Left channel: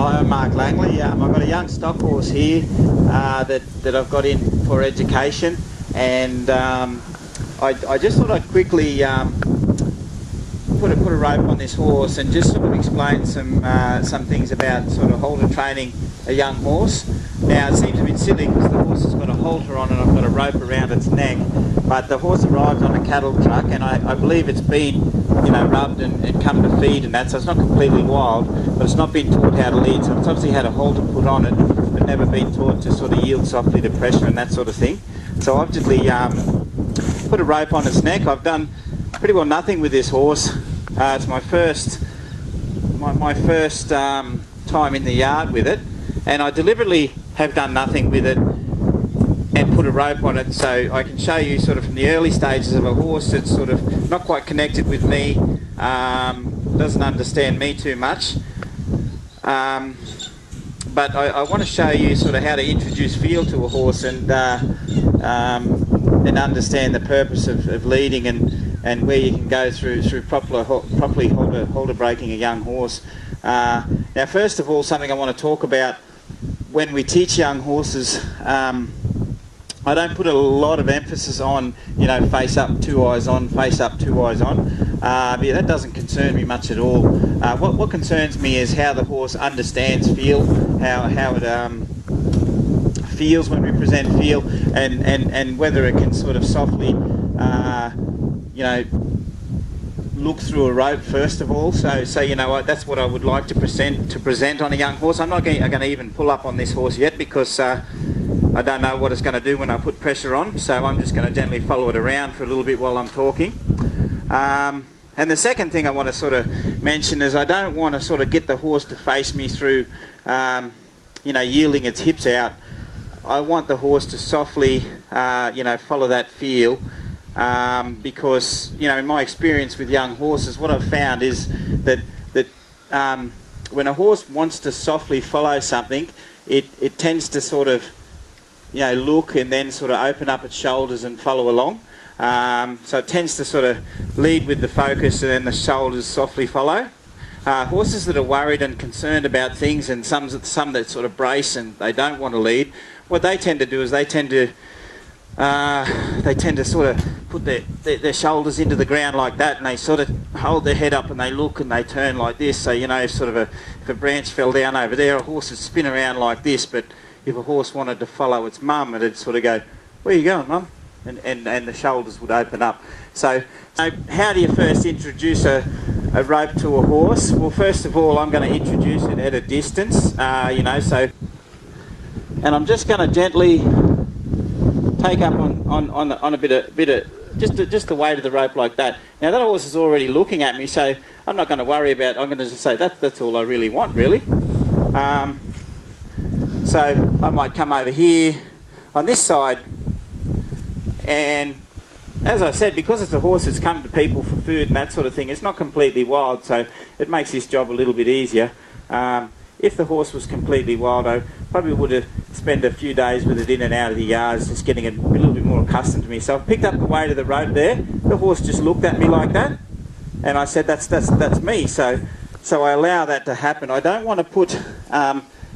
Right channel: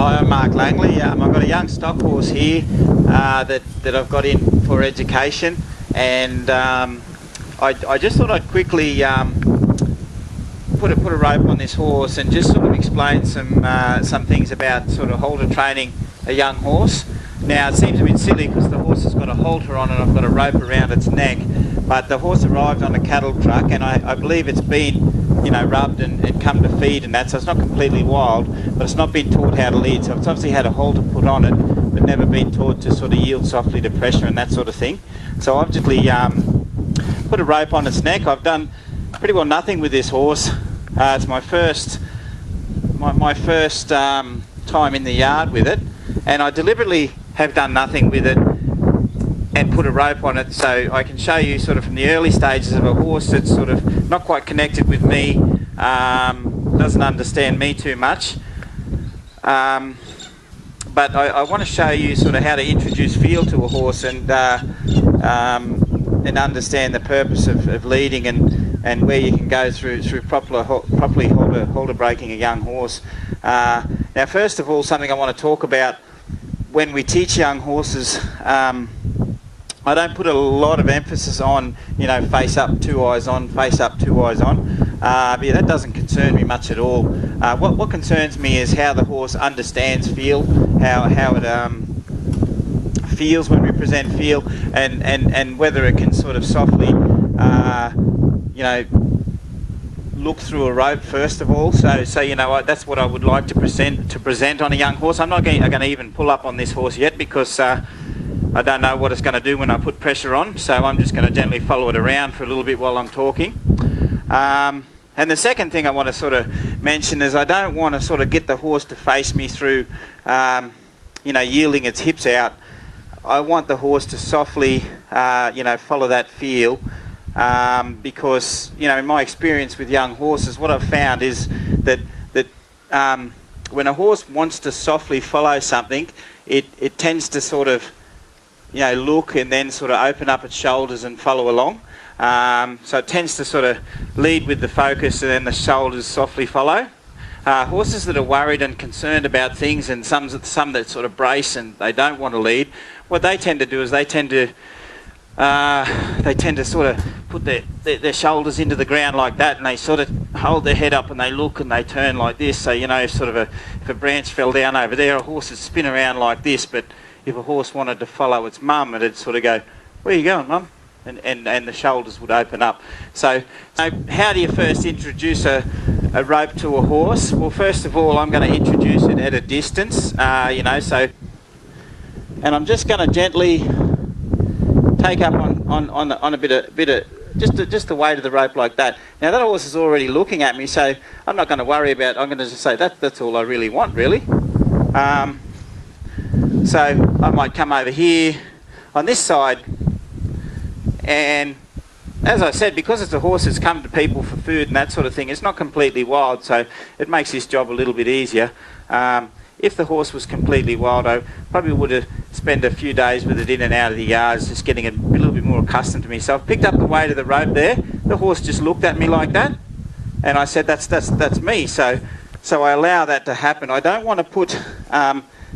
Hi, I'm Mark Langley. I've got a young stock horse here that I've got in for education, and I just thought I'd quickly put a rope on this horse and just sort of explain some things about sort of halter training a young horse. Now, it seems a bit silly because the horse has got a halter on and I've got a rope around its neck, but the horse arrived on a cattle truck, and I believe it's been, you know, rubbed and come to feed and that, so it's not completely wild, but it's not been taught how to lead. So it's obviously had a halter put on it, but never been taught to sort of yield softly to pressure and that sort of thing. So I've just put a rope on its neck. I've done pretty well nothing with this horse. It's my first time in the yard with it, and I deliberately have done nothing with it and put a rope on it so I can show you sort of from the early stages of a horse that's sort of not quite connected with me, doesn't understand me too much, but I want to show you sort of how to introduce feel to a horse and understand the purpose of leading and where you can go through properly halter breaking a young horse. Now, first of all, something I want to talk about when we teach young horses, I don't put a lot of emphasis on, you know, face up, 2 eyes on, face up, 2 eyes on. But yeah, that doesn't concern me much at all. What concerns me is how the horse understands feel, how it feels when we present feel, and whether it can sort of softly, you know, look through a rope first of all. So you know what, that's what I would like to present on a young horse. I'm not going to even pull up on this horse yet because I don't know what it's going to do when I put pressure on, so I'm just going to gently follow it around for a little bit while I'm talking. And the second thing I want to sort of mention is I don't want to sort of get the horse to face me through, you know, yielding its hips out. I want the horse to softly, you know, follow that feel. Because, you know, in my experience with young horses, what I've found is that when a horse wants to softly follow something, it tends to sort of, you know, look and then sort of open up its shoulders and follow along. So it tends to sort of lead with the focus and then the shoulders softly follow. Horses that are worried and concerned about things, and some that sort of brace and they don't want to lead, what they tend to do is they tend to sort of put their shoulders into the ground like that, and they sort of hold their head up and they look and they turn like this. So, you know, sort of if a branch fell down over there, a horse would spin around like this, but if a horse wanted to follow its mum, it'd sort of go, "Where are you going, mum?" And the shoulders would open up. So how do you first introduce a rope to a horse? Well, first of all, I'm going to introduce it at a distance, you know, so, and I'm just going to gently take up on a bit of just the weight of the rope like that. Now that horse is already looking at me, so I'm not going to worry about. I'm going to just say that's all I really want, really. So I might come over here on this side, and as I said, because it's a horse that's come to people for food and that sort of thing, it's not completely wild, so it makes this job a little bit easier. If the horse was completely wild, I probably would have spent a few days with it in and out of the yards, just getting a little bit more accustomed to me. So I've picked up the weight of the rope there. The horse just looked at me like that, and I said, that's me. So I allow that to happen. I don't want to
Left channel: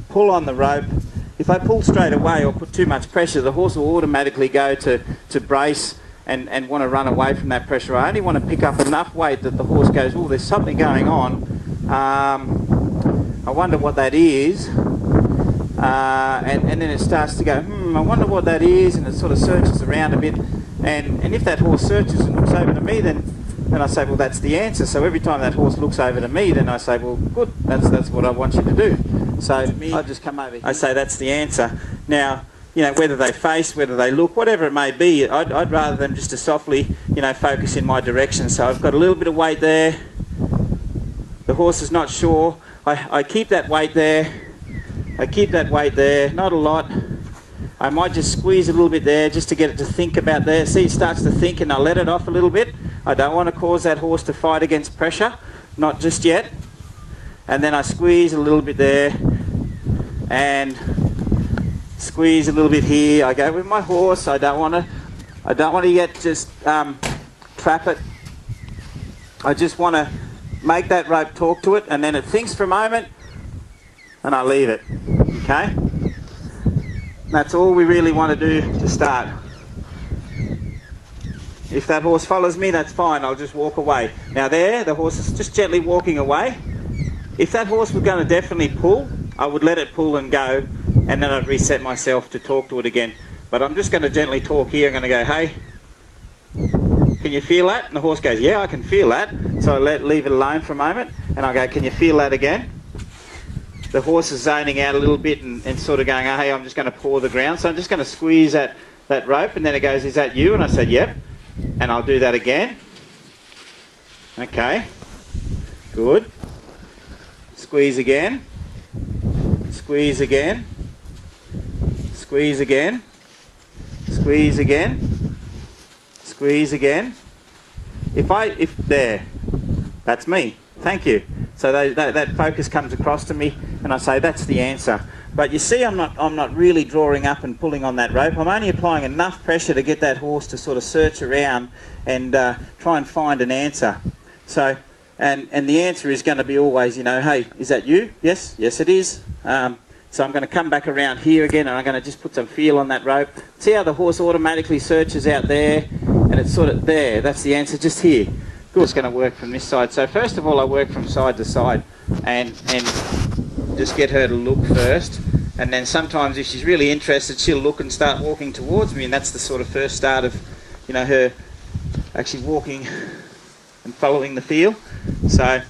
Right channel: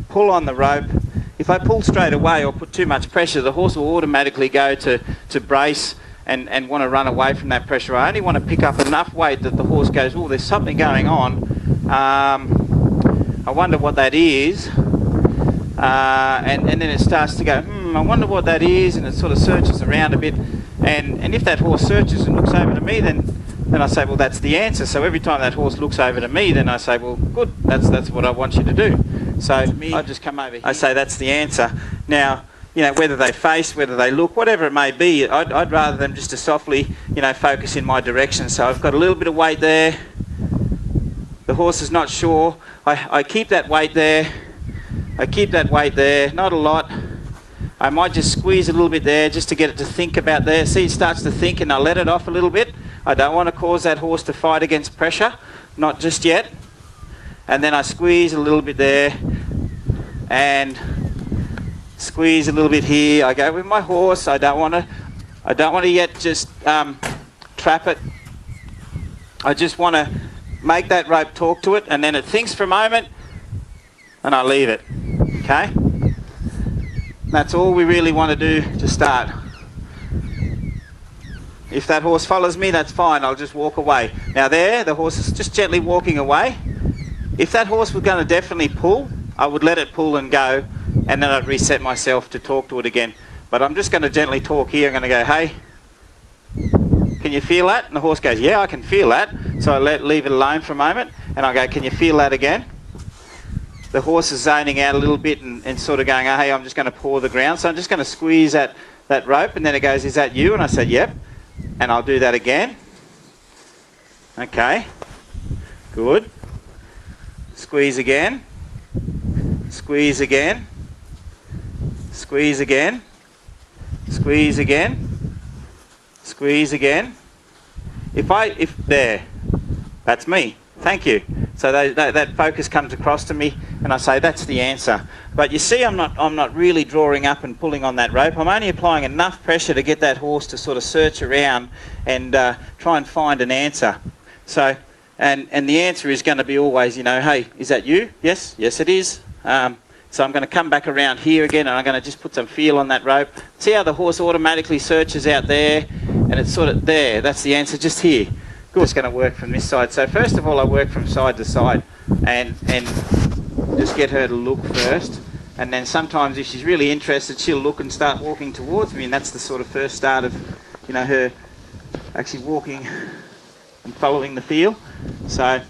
pull on the rope. If I pull straight away or put too much pressure, the horse will automatically go to brace and want to run away from that pressure. I only want to pick up enough weight that the horse goes, "Oh, there's something going on. I wonder what that is," and then it starts to go, I wonder what that is, and it sort of searches around a bit, and if that horse searches and looks over to me, then I say, well, that's the answer. So every time that horse looks over to me, then I say, well, good, that's what I want you to do. So I just come over here. I say, that's the answer. Now, you know, whether they face, whether they look, whatever it may be, I'd rather them just to softly, you know, focus in my direction. So I've got a little bit of weight there. The horse is not sure. I keep that weight there. I keep that weight there, not a lot. I might just squeeze a little bit there just to get it to think about there. See, it starts to think, and I let it off a little bit. I don't want to cause that horse to fight against pressure, not just yet. And then I squeeze a little bit there, and squeeze a little bit here. I go with my horse. I don't want to yet just trap it. I just want to make that rope talk to it, and then it thinks for a moment. and I leave it. Okay? That's all we really want to do to start. If that horse follows me, that's fine, I'll just walk away. Now there, the horse is just gently walking away. If that horse was going to definitely pull, I would let it pull and go, and then I'd reset myself to talk to it again. But I'm just going to gently talk here. I'm going to go, hey, can you feel that? And the horse goes, yeah, I can feel that. So I leave it alone for a moment, and I go, can you feel that again? The horse is zoning out a little bit and sort of going, oh, hey, I'm just going to paw the ground. So I'm just going to squeeze that rope, and then it goes, is that you? And I said, yep. And I'll do that again. Okay. Good. Squeeze again. Squeeze again. Squeeze again. Squeeze again. Squeeze again. If there, that's me. Thank you. So that focus comes across to me, and I say that's the answer. But you see, I'm not really drawing up and pulling on that rope. I'm only applying enough pressure to get that horse to sort of search around and try and find an answer. So, and the answer is going to be always, you know, hey, is that you? Yes, yes it is. So I'm going to come back around here again, and I'm going to just put some feel on that rope. See how the horse automatically searches out there, and it's sort of there. That's the answer, just here. Good. It's going to work from this side. So first of all, I work from side to side, and just get her to look first. And then sometimes if she's really interested, she'll look and start walking towards me, and that's the sort of first start of, you know, her actually walking and following the feel. So,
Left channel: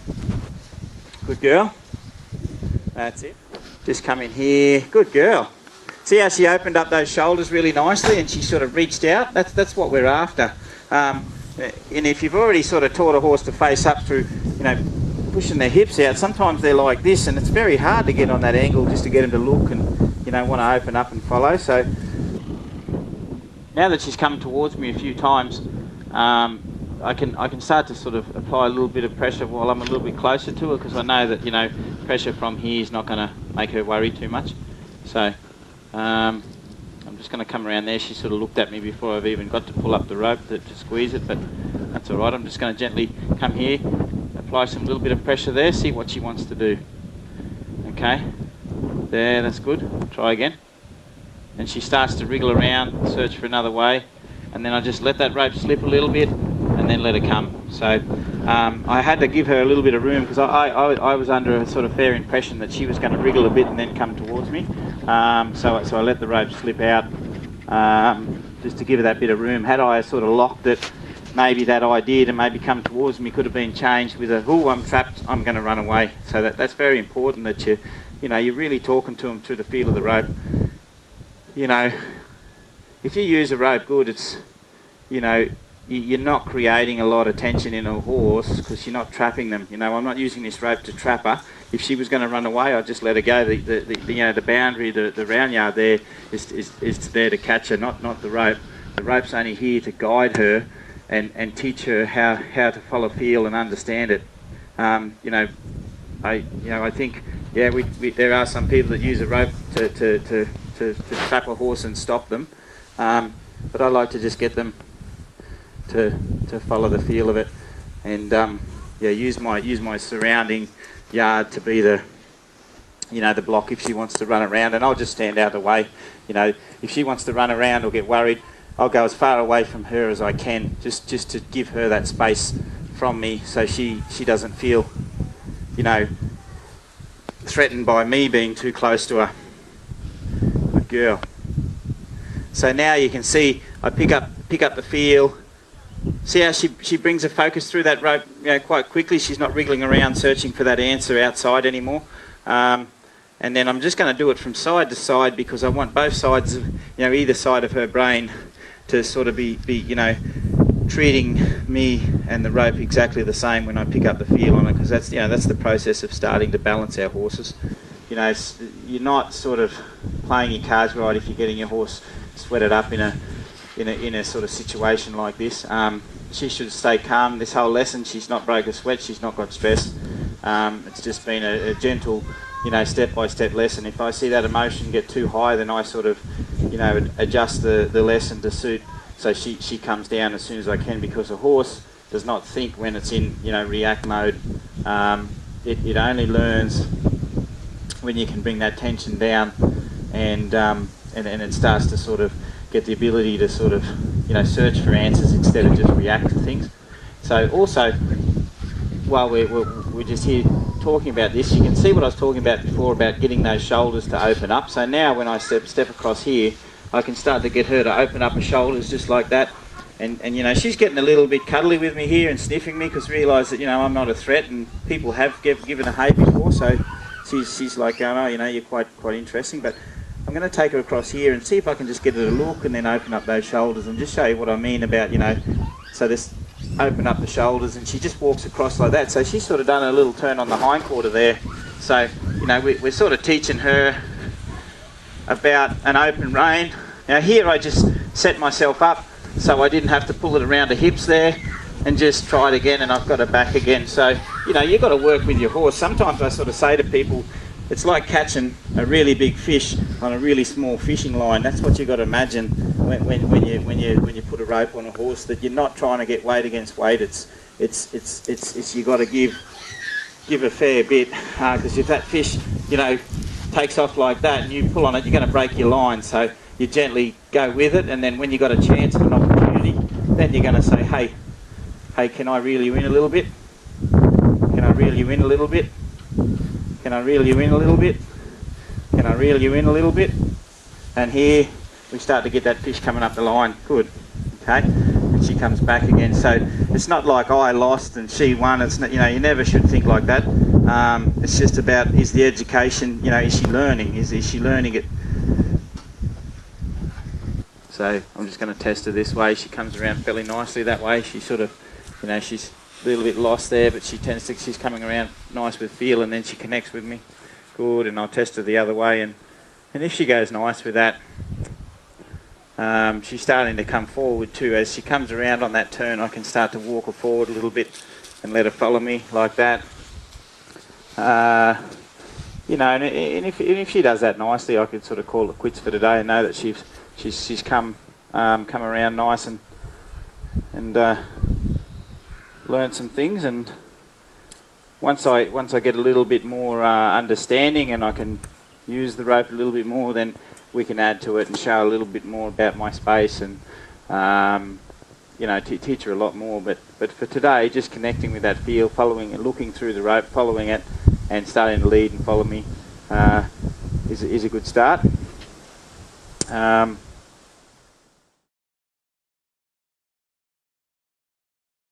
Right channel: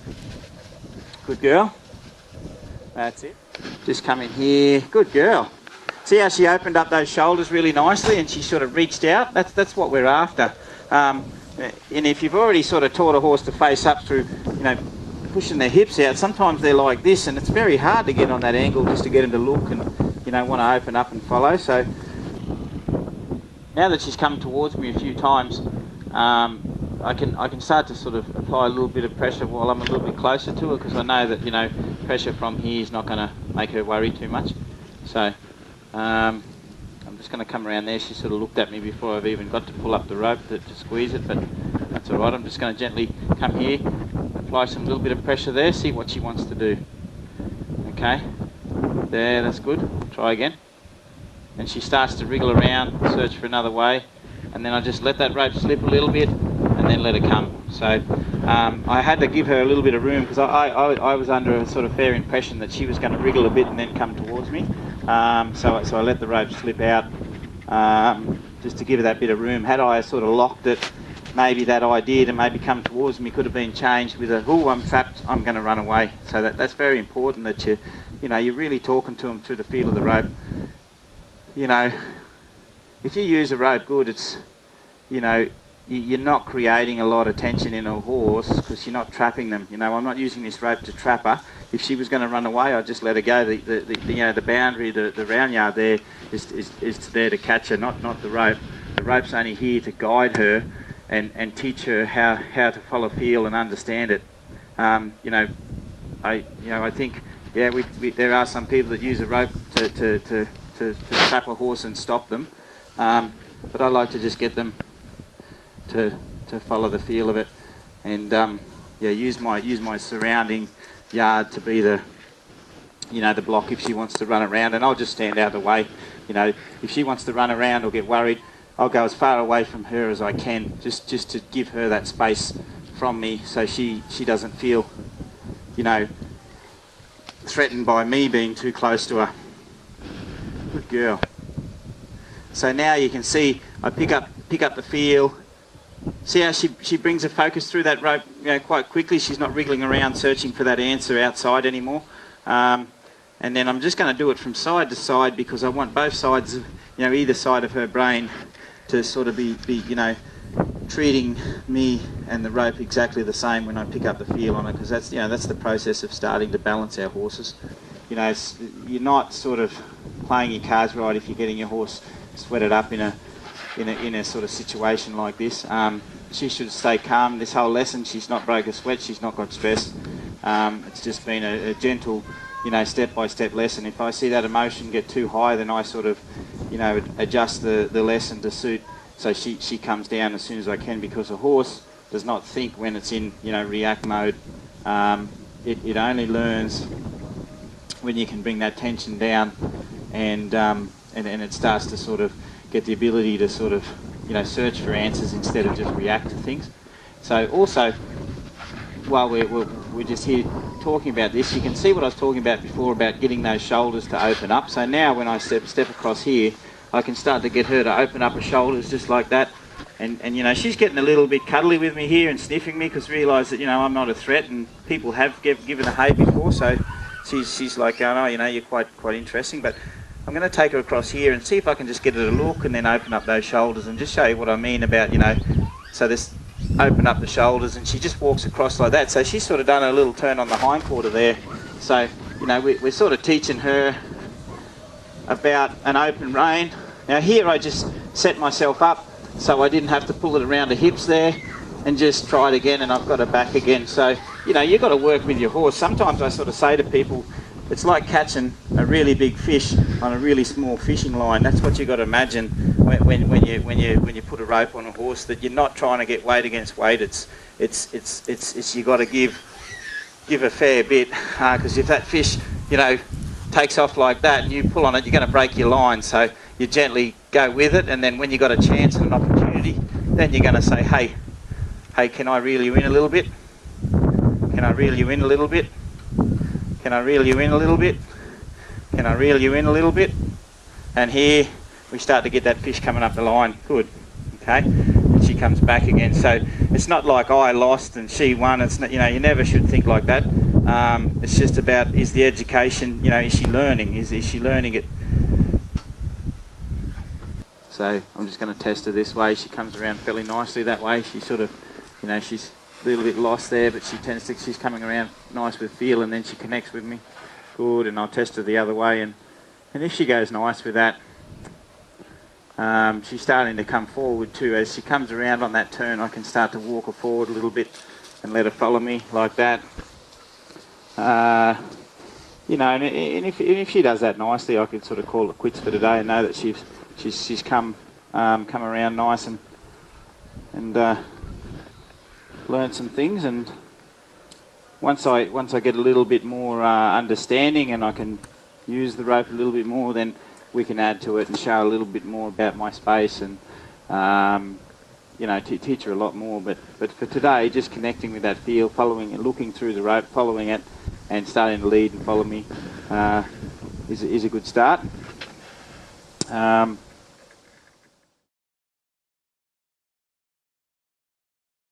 good girl. That's it. Just come in here. Good girl. See how she opened up those shoulders really nicely, and she sort of reached out? That's what we're after. And if you've already sort of taught a horse to face up through, you know, pushing their hips out, sometimes they're like this, and it's very hard to get on that angle just to get them to look and, you know, want to open up and follow. So now that she's come towards me a few times, I can start to sort of apply a little bit of pressure while I'm a little bit closer to her, because I know that, you know, pressure from here is not going to make her worry too much. So I'm just going to come around there. She sort of looked at me before I've even got to pull up the rope to squeeze it, but that's all right. I'm just going to gently come here, apply some little bit of pressure there, see what she wants to do. Okay, there, that's good. Try again. And she starts to wriggle around, search for another way, and then I just let that rope slip a little bit, and then let her come. So I had to give her a little bit of room, because I was under a sort of fair impression that she was going to wriggle a bit and then come towards me. So I let the rope slip out, just to give her that bit of room. Had I sort of locked it, maybe that idea to maybe come towards me could have been changed with a, oh, I'm trapped, I'm going to run away. So that's very important, that you know, you're really talking to them through the feel of the rope. You know, if you use a rope good, it's, you know, you're not creating a lot of tension in a horse, because you're not trapping them. You know, I'm not using this rope to trap her. If she was going to run away, I'd just let her go. The you know, the boundary, the round yard there is there to catch her, not the rope. The rope's only here to guide her and teach her how to follow feel and understand it. You know, I think, yeah, there are some people that use a rope to trap a horse and stop them, but I like to just get them to follow the feel of it, and yeah, use my surrounding yard to be the, you know, the block if she wants to run around, and I'll just stand out of the way. You know, if she wants to run around or get worried, I'll go as far away from her as I can, just to give her that space from me, so she doesn't feel, you know, threatened by me being too close to her. Good girl. So now you can see I pick up the feel. See how she brings her focus through that rope, you know, quite quickly. She's not wriggling around searching for that answer outside anymore. And then I'm just going to do it from side to side, because I want both sides, you know, either side of her brain to sort of be you know, treating me and the rope exactly the same when I pick up the feel on it, because that's, you know, that's the process of starting to balance our horses. You know, you're not sort of playing your cards right if you're getting your horse sweated up in a sort of situation like this. She should stay calm this whole lesson. She's not broke a sweat. She's not got stressed. It's just been a gentle, you know, step-by-step lesson. If I see that emotion get too high, then I sort of, you know, adjust the lesson to suit, so she comes down as soon as I can, because a horse does not think when it's in, you know, react mode. It only learns when you can bring that tension down, and it starts to sort of get the ability to sort of, you know, search for answers instead of just react to things. So also, while we're just here talking about this, you can see what I was talking about before about getting those shoulders to open up. So now when I step across here, I can start to get her to open up her shoulders just like that. And you know, she's getting a little bit cuddly with me here and sniffing me because realise that, you know, I'm not a threat, and people have given her hay before, so she's like going, oh, you know, you're quite interesting. But I'm going to take her across here and see if I can just get her to look and then open up those shoulders and just show you what I mean about, you know, so this open up the shoulders, and she just walks across like that. So she's sort of done a little turn on the hindquarter there. So, you know, we're sort of teaching her about an open rein. Now here I just set myself up so I didn't have to pull it around the hips there, and just try it again, and I've got it back again. So, you know, you've got to work with your horse. Sometimes I sort of say to people, it's like catching a really big fish on a really small fishing line. That's what you've got to imagine when you put a rope on a horse, that you're not trying to get weight against weight. It's you've got to give a fair bit, because if that fish, you know, takes off like that and you pull on it, you're going to break your line. So you gently go with it, and then when you've got a chance and an opportunity, then you're going to say, hey, can I reel you in a little bit? Can I reel you in a little bit? Can I reel you in a little bit? Can I reel you in a little bit? And here we start to get that fish coming up the line. Good. Okay. And she comes back again. So it's not like I lost and she won. It's not, you know, you never should think like that. It's just about, is the education, you know, is she learning? Is she learning it? So I'm just going to test her this way. She comes around fairly nicely that way. She sort of, you know, she's a little bit lost there, but she's coming around nice with feel, and then she connects with me. Good, and I'll test her the other way, and if she goes nice with that, she's starting to come forward too. As she comes around on that turn, I can start to walk her forward a little bit and let her follow me like that. You know, and if she does that nicely, I could sort of call it quits for today and know that she's come around nice and learned some things. And once I get a little bit more understanding and I can use the rope a little bit more, then we can add to it and show a little bit more about my space and you know, teach her a lot more. But for today, just connecting with that feel, following and looking through the rope, following it, and starting to lead and follow me is a good start.